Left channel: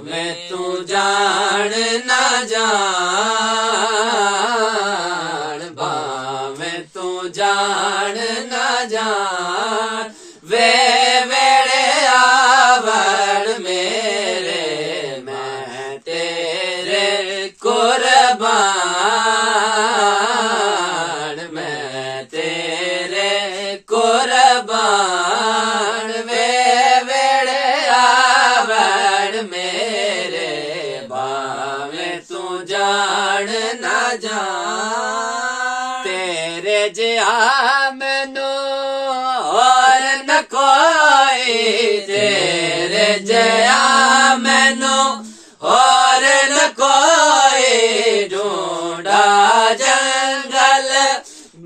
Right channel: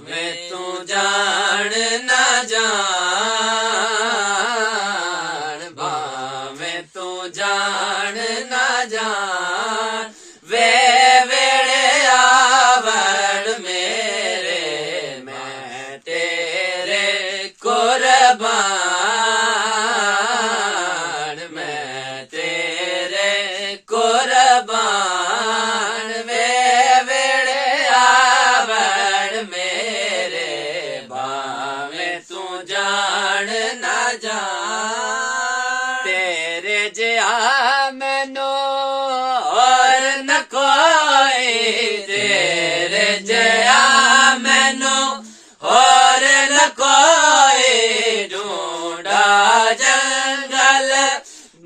भावें तू जान ना जान, भावें तू जान ना जान, वे वेड़े आवण मेरे मैं तेरे कुर्बान, मैं तेरे कुर्बान, वे वेड़े आवण मेरे भावें तू जान ना जान। तेरे जिहा मैनू और न कोई, तेरे जिहा मैनू और न कोई, ढूंढा जंगल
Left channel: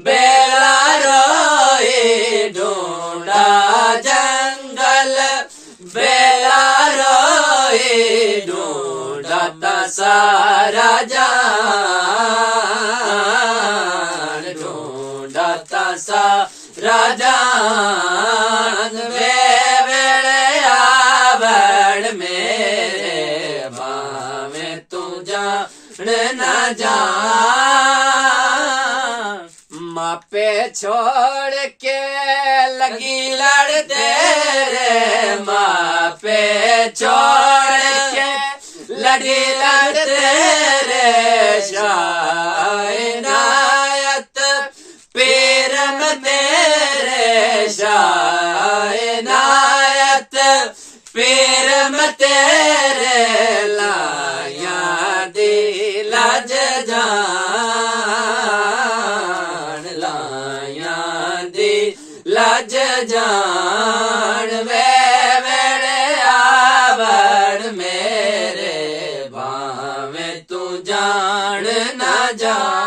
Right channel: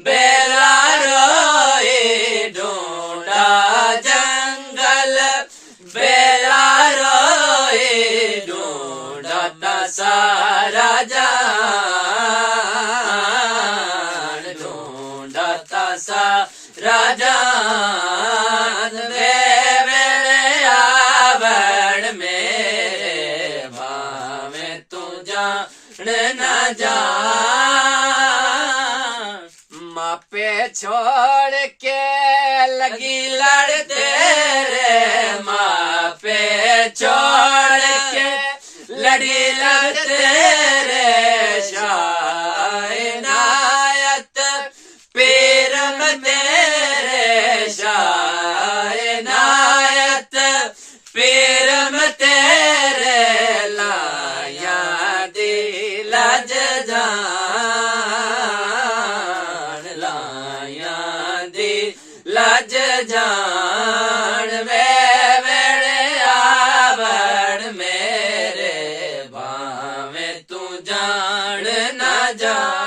बेला रोई, ढूंढा जंगल बेला रोई, ढूंढता सारा जान, ढूंढता सारा जान, वे वेड़े आवण मेरे भावें तू जान ना जान। मापे छोड़ के लगी लड़ तेरे, मापे छोड़ के लगी लड़ तेरे, शाह इनायत पीरम तेरे, शाह इनायत पीरम तेरे, लाया दिल जान, लाया दिल जान, वे वेड़े आवण मेरे भावें तू जान ना जान।